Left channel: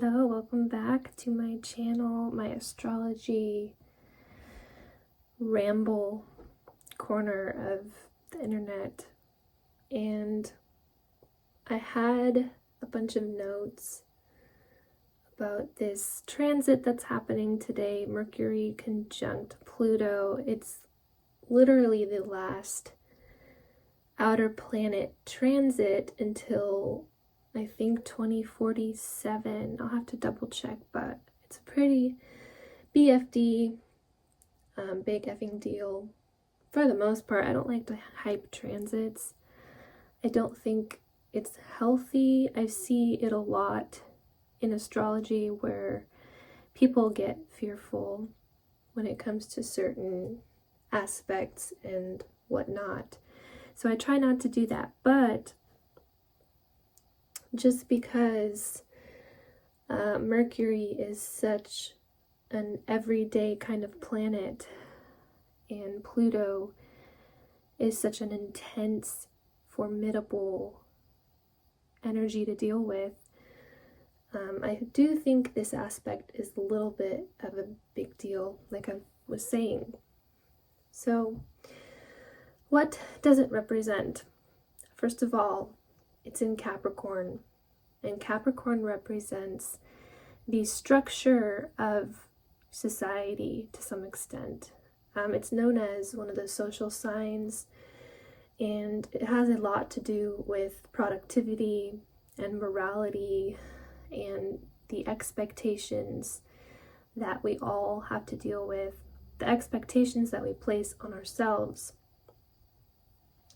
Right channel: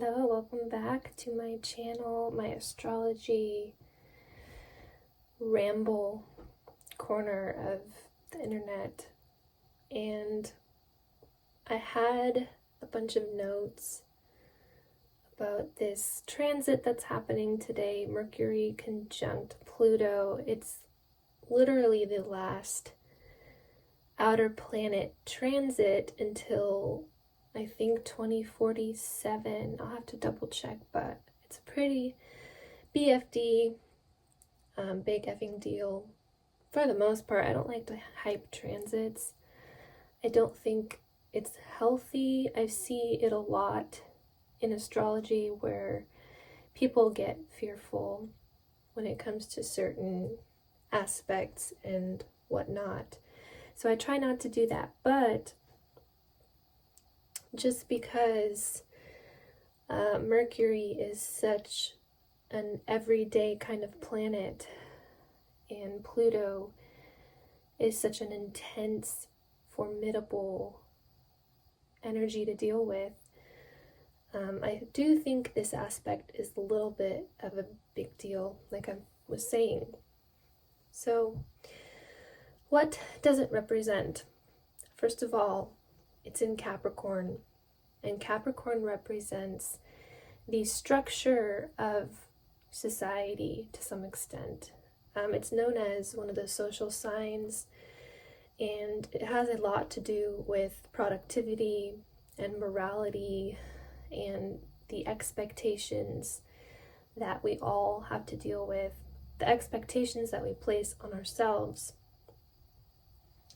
Hello, welcome back to my channel, my astrology ramble corner of the internet. And I had a bunch of notes about this transit that's happening today, Mercury conjunct Pluto. It's literally the last outer planet transit until I think 2047. I'll have to double check, but it's a pretty BFD, big effing deal. For the most part, I don't like to hype transits. I don't think it's healthy. I see it a lot in astrology where people get fearful when it comes to certain aspects and whatnot. So I try not to do that, but just because Mercury is such an everyday kind of planet and Pluto is such an intense, formidable energy to deal with, I do think this aspect is a little bit of a big deal, like I was saying. So, what does it represent? First of all, it's in Capricorn, and Capricorn represents the structure of society to some extent. It's known as one of the social signs, and it has a lot to do with productivity and morality and the expectations that we all have to deal with, the expectations that we place on ourselves.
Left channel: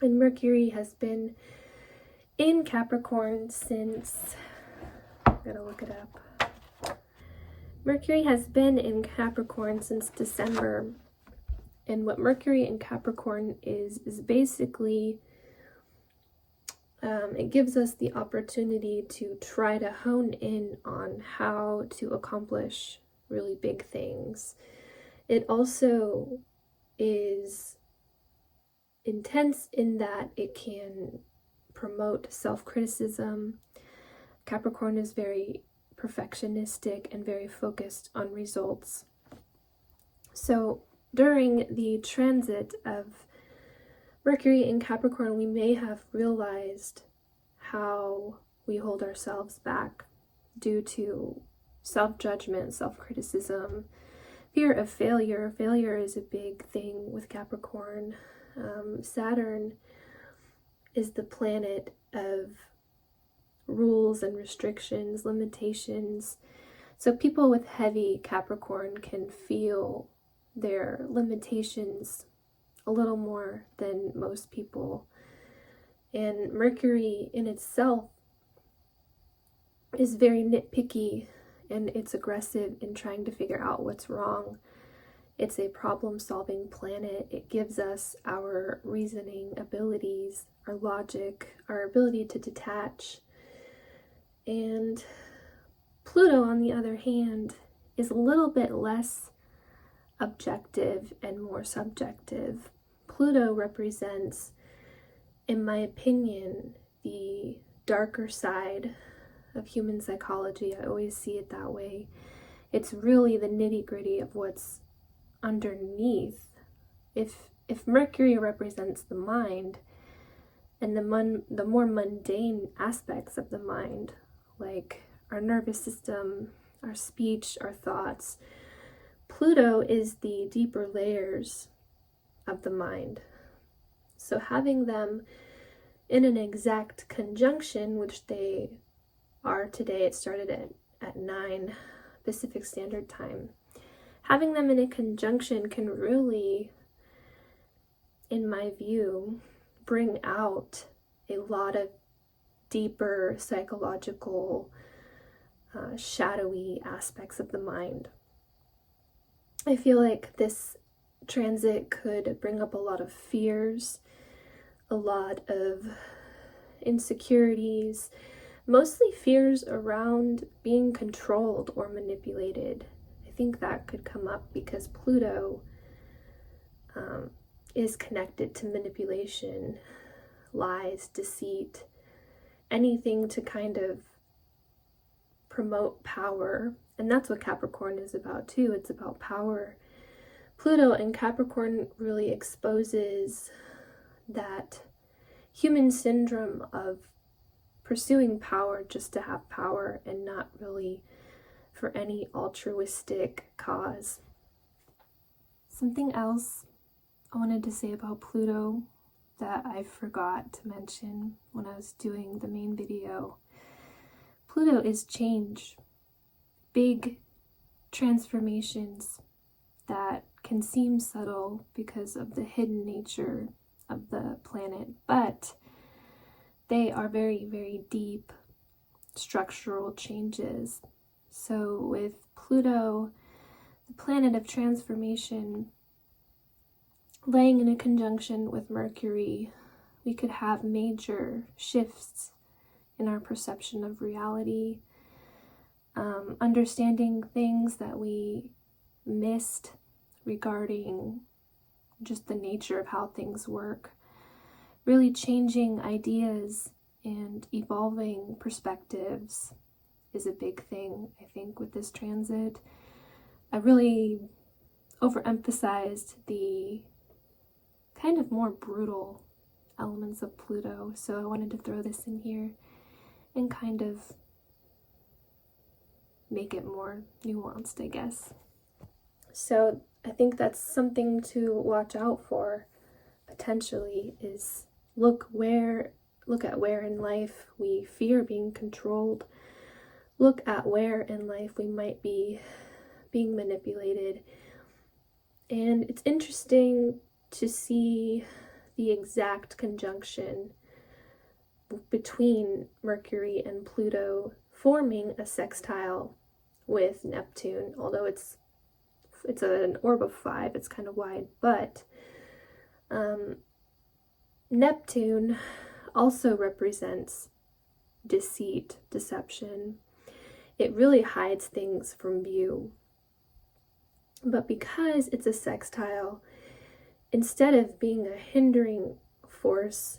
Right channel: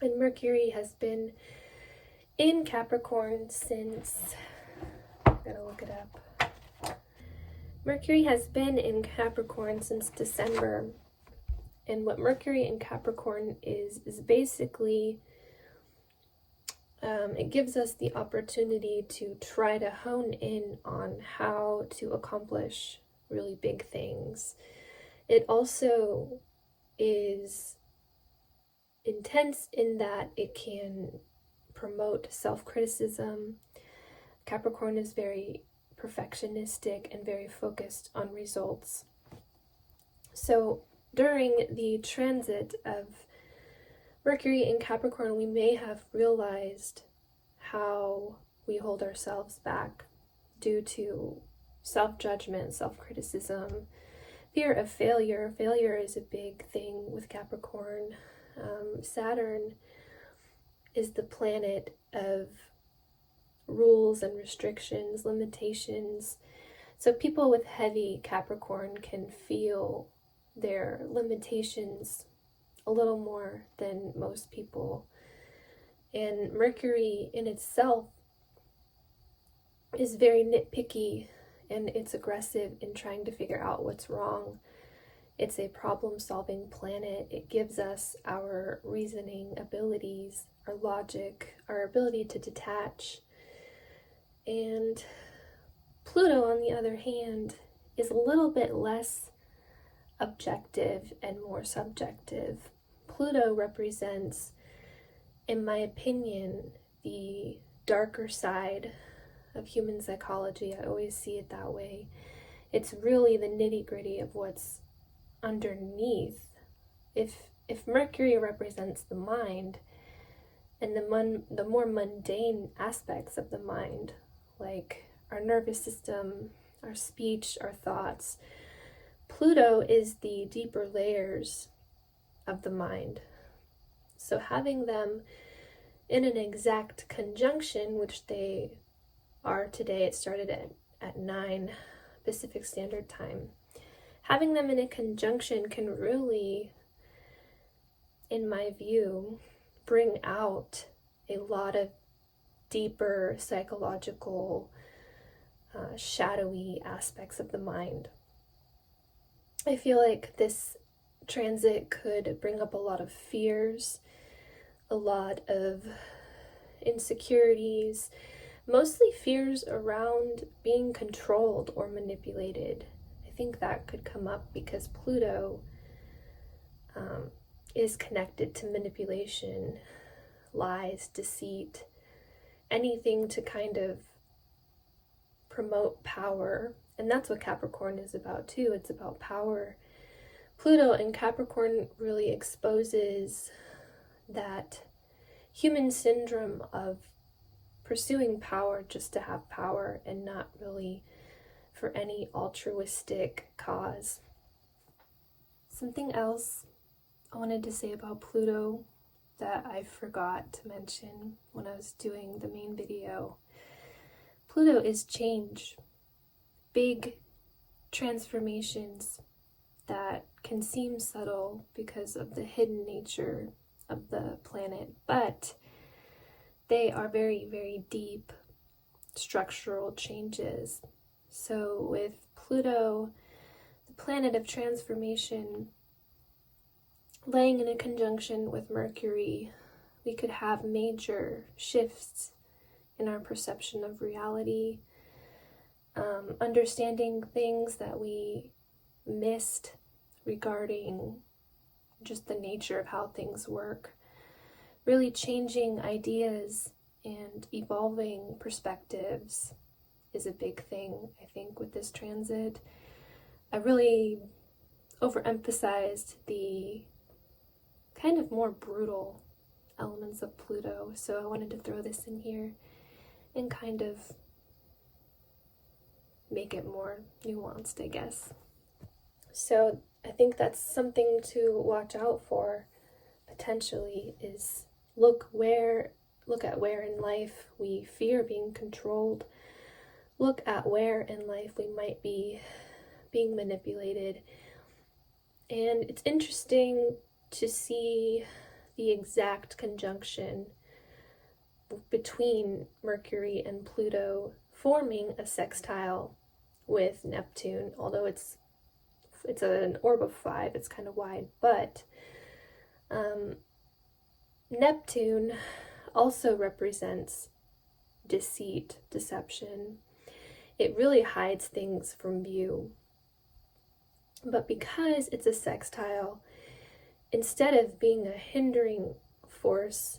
And Mercury has been in Capricorn since, I gotta look it up. Mercury has been in Capricorn since December. And what Mercury in Capricorn is basically, it gives us the opportunity to try to hone in on how to accomplish really big things. It also is intense in that it can promote self-criticism. Capricorn is very perfectionistic and very focused on results. So during the transit of Mercury in Capricorn, we may have realized how we hold ourselves back due to self-judgment, self-criticism, fear of failure. Failure is a big thing with Capricorn. Saturn is the planet of rules and restrictions, limitations. So people with heavy Capricorn can feel their limitations a little more than most people. And Mercury in itself is very nitpicky, and it's aggressive in trying to figure out what's wrong. It's a problem-solving planet. It gives us our reasoning abilities, our logic, our ability to detach. And Pluto, on the other hand, is a little bit less objective and more subjective. Pluto represents, in my opinion, the darker side of human psychology. I always see it that way. It's really the nitty-gritty of what's underneath. If Mercury represents the mind and the more mundane aspects of the mind, like our nervous system, our speech, our thoughts, Pluto is the deeper layers of the mind. So having them in an exact conjunction, which they are today, it started at 9 Pacific Standard Time. Having them in a conjunction can really, in my view, bring out a lot of deeper psychological, shadowy aspects of the mind. I feel like this transit could bring up a lot of fears, a lot of insecurities, mostly fears around being controlled or manipulated. I think that could come up because Pluto is connected to manipulation, lies, deceit, anything to kind of promote power, and that's what Capricorn is about too. It's about power. Pluto in Capricorn really exposes that human syndrome of pursuing power just to have power and not really for any altruistic cause. Something else I wanted to say about Pluto that I forgot to mention when I was doing the main video. Pluto is change, big transformations that can seem subtle because of the hidden nature of the planet, but they are very, very deep structural changes. So with Pluto, the planet of transformation, laying in a conjunction with Mercury, we could have major shifts in our perception of reality, understanding things that we missed regarding just the nature of how things work, really changing ideas and evolving perspectives is a big thing, I think, with this transit. I really overemphasized the kind of more brutal elements of Pluto, so I wanted to throw this in here and kind of make it more nuanced, I guess. So I think that's something to watch out for potentially, is look at where in life we fear being controlled. Look at where in life we might be being manipulated. And it's interesting to see the exact conjunction between Mercury and Pluto forming a sextile with Neptune, although it's an orb of 5, it's kind of wide, but Neptune also represents deceit, deception. It really hides things from view. But because it's a sextile, instead of being a hindering force,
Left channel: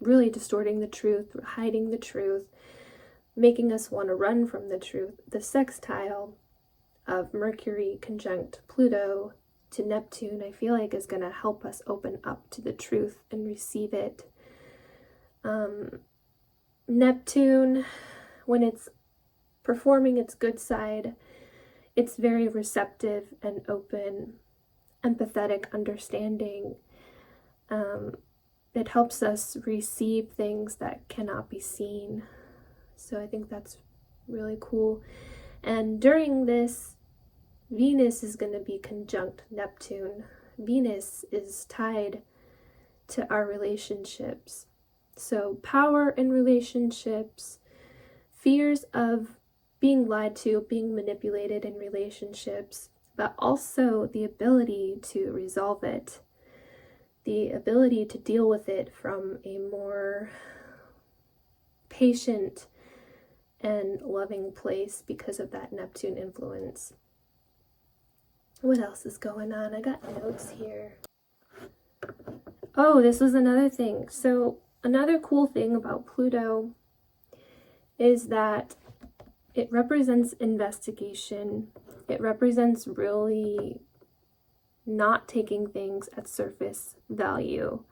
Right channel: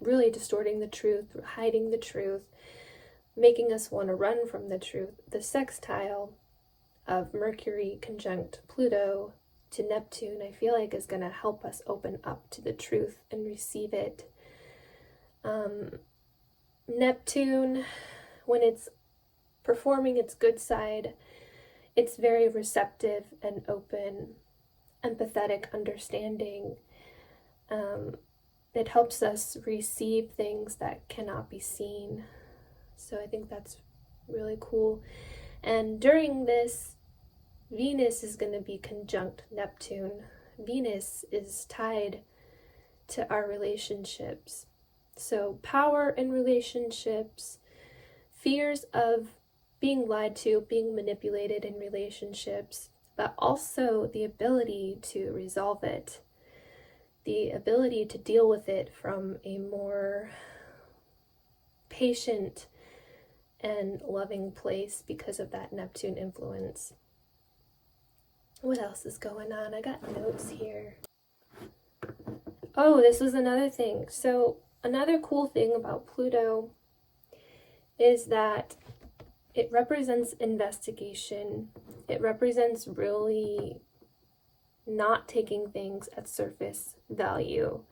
really distorting the truth, hiding the truth, making us want to run from the truth, the sextile of Mercury conjunct Pluto to Neptune, I feel like is going to help us open up to the truth and receive it. Neptune, when it's performing its good side, it's very receptive and open, empathetic, understanding. It helps us receive things that cannot be seen. So I think that's really cool. And during this, Venus is going to be conjunct Neptune. Venus is tied to our relationships. So power in relationships, fears of being lied to, being manipulated in relationships, but also the ability to resolve it, the ability to deal with it from a more patient and loving place because of that Neptune influence. What else is going on? I got notes here. Oh, this was another thing. So another cool thing about Pluto is that it represents investigation. It represents really not taking things at surface value.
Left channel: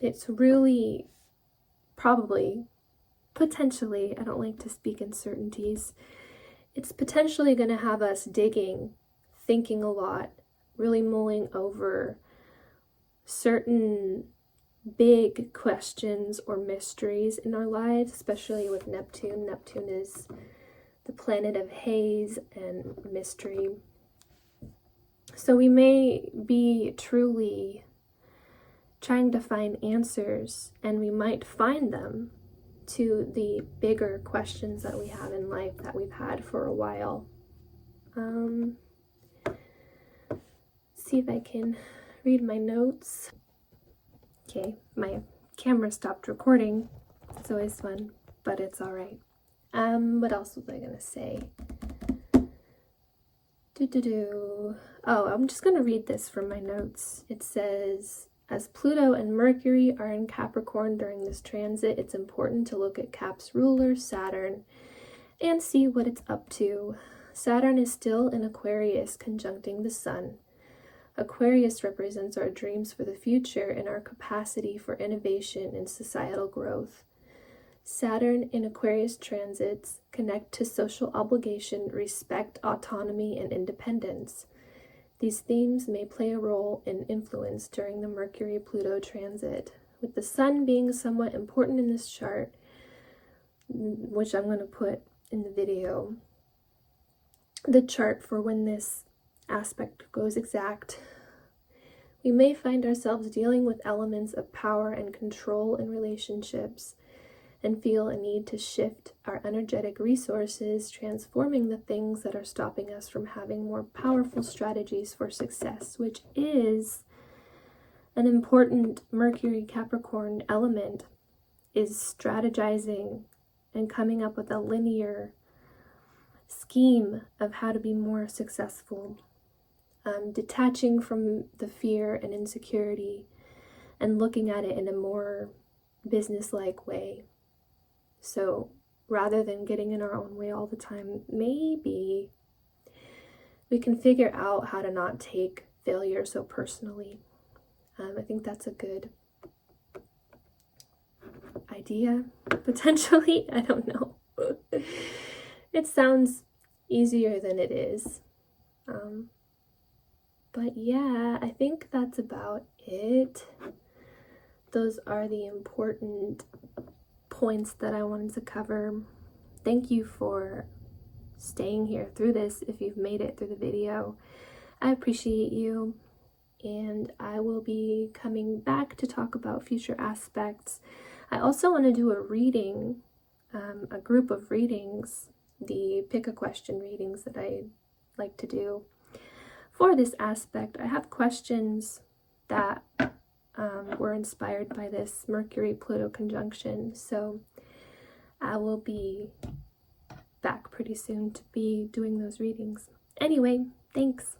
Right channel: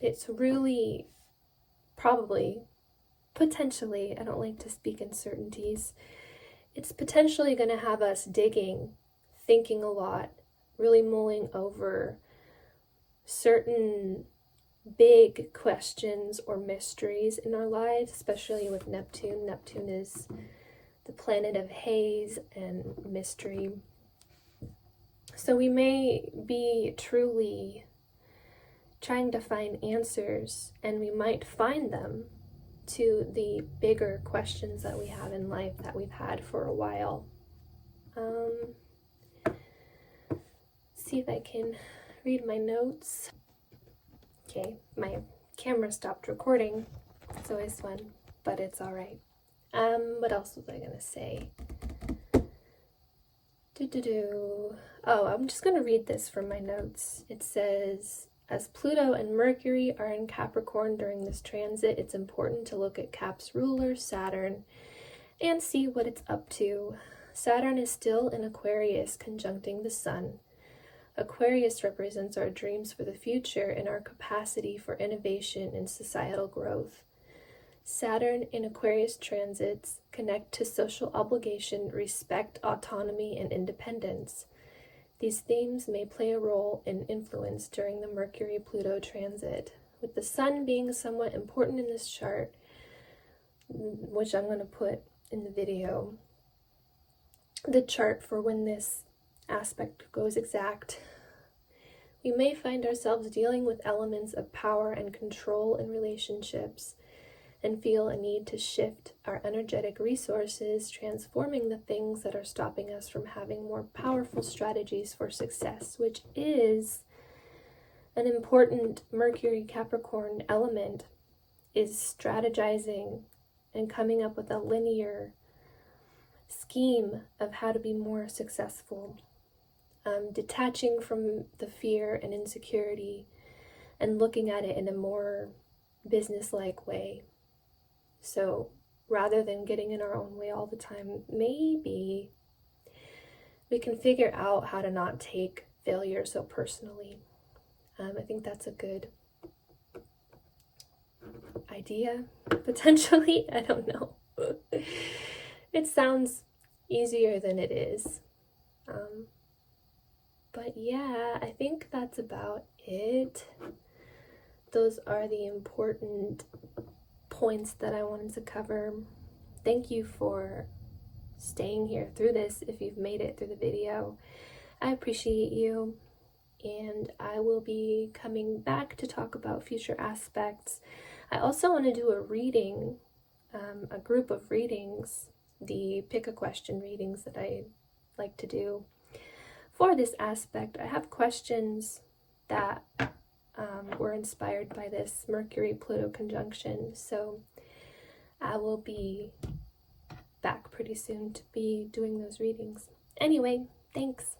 It's really probably, potentially, I don't like to speak in certainties, it's potentially going to have us digging, thinking a lot, really mulling over certain big questions or mysteries in our lives, especially with Neptune. Neptune is the planet of haze and mystery. So we may be truly trying to find answers, and we might find them to the bigger questions that we have in life that we've had for a while. See if I can read my notes. Okay, my camera stopped recording. It's always fun, but it's all right. What else was I gonna say? Oh, I'm just gonna read this from my notes. It says, As Pluto and Mercury are in Capricorn during this transit, it's important to look at Cap's ruler, Saturn, and see what it's up to. Saturn is still in Aquarius, conjuncting the Sun. Aquarius represents our dreams for the future and our capacity for innovation and societal growth. Saturn in Aquarius transits connect to social obligation, respect, autonomy, and independence. These themes may play a role in influence during the Mercury-Pluto transit, with the Sun being somewhat important in this chart, which I'm going to put in the video. The chart for when this aspect goes exact. We may find ourselves dealing with elements of power and control in relationships and feel a need to shift our energetic resources, transforming the things that are stopping us from having more powerful strategies for success, which is an important Mercury Capricorn element, is strategizing and coming up with a linear scheme of how to be more successful, detaching from the fear and insecurity and looking at it in a more business-like way. So rather than getting in our own way all the time, maybe we can figure out how to not take failure so personally. I think that's a good idea, potentially. I don't know. It sounds easier than it is. But yeah, I think that's about it. Those are the important points that I wanted to cover. Thank you for staying here through this if you've made it through the video. I appreciate you, and I will be coming back to talk about future aspects. I also want to do a reading, a group of readings, the pick a question readings that I like to do. For this aspect, I have questions that were inspired by this Mercury-Pluto conjunction, so I will be back pretty soon to be doing those readings. Anyway, thanks.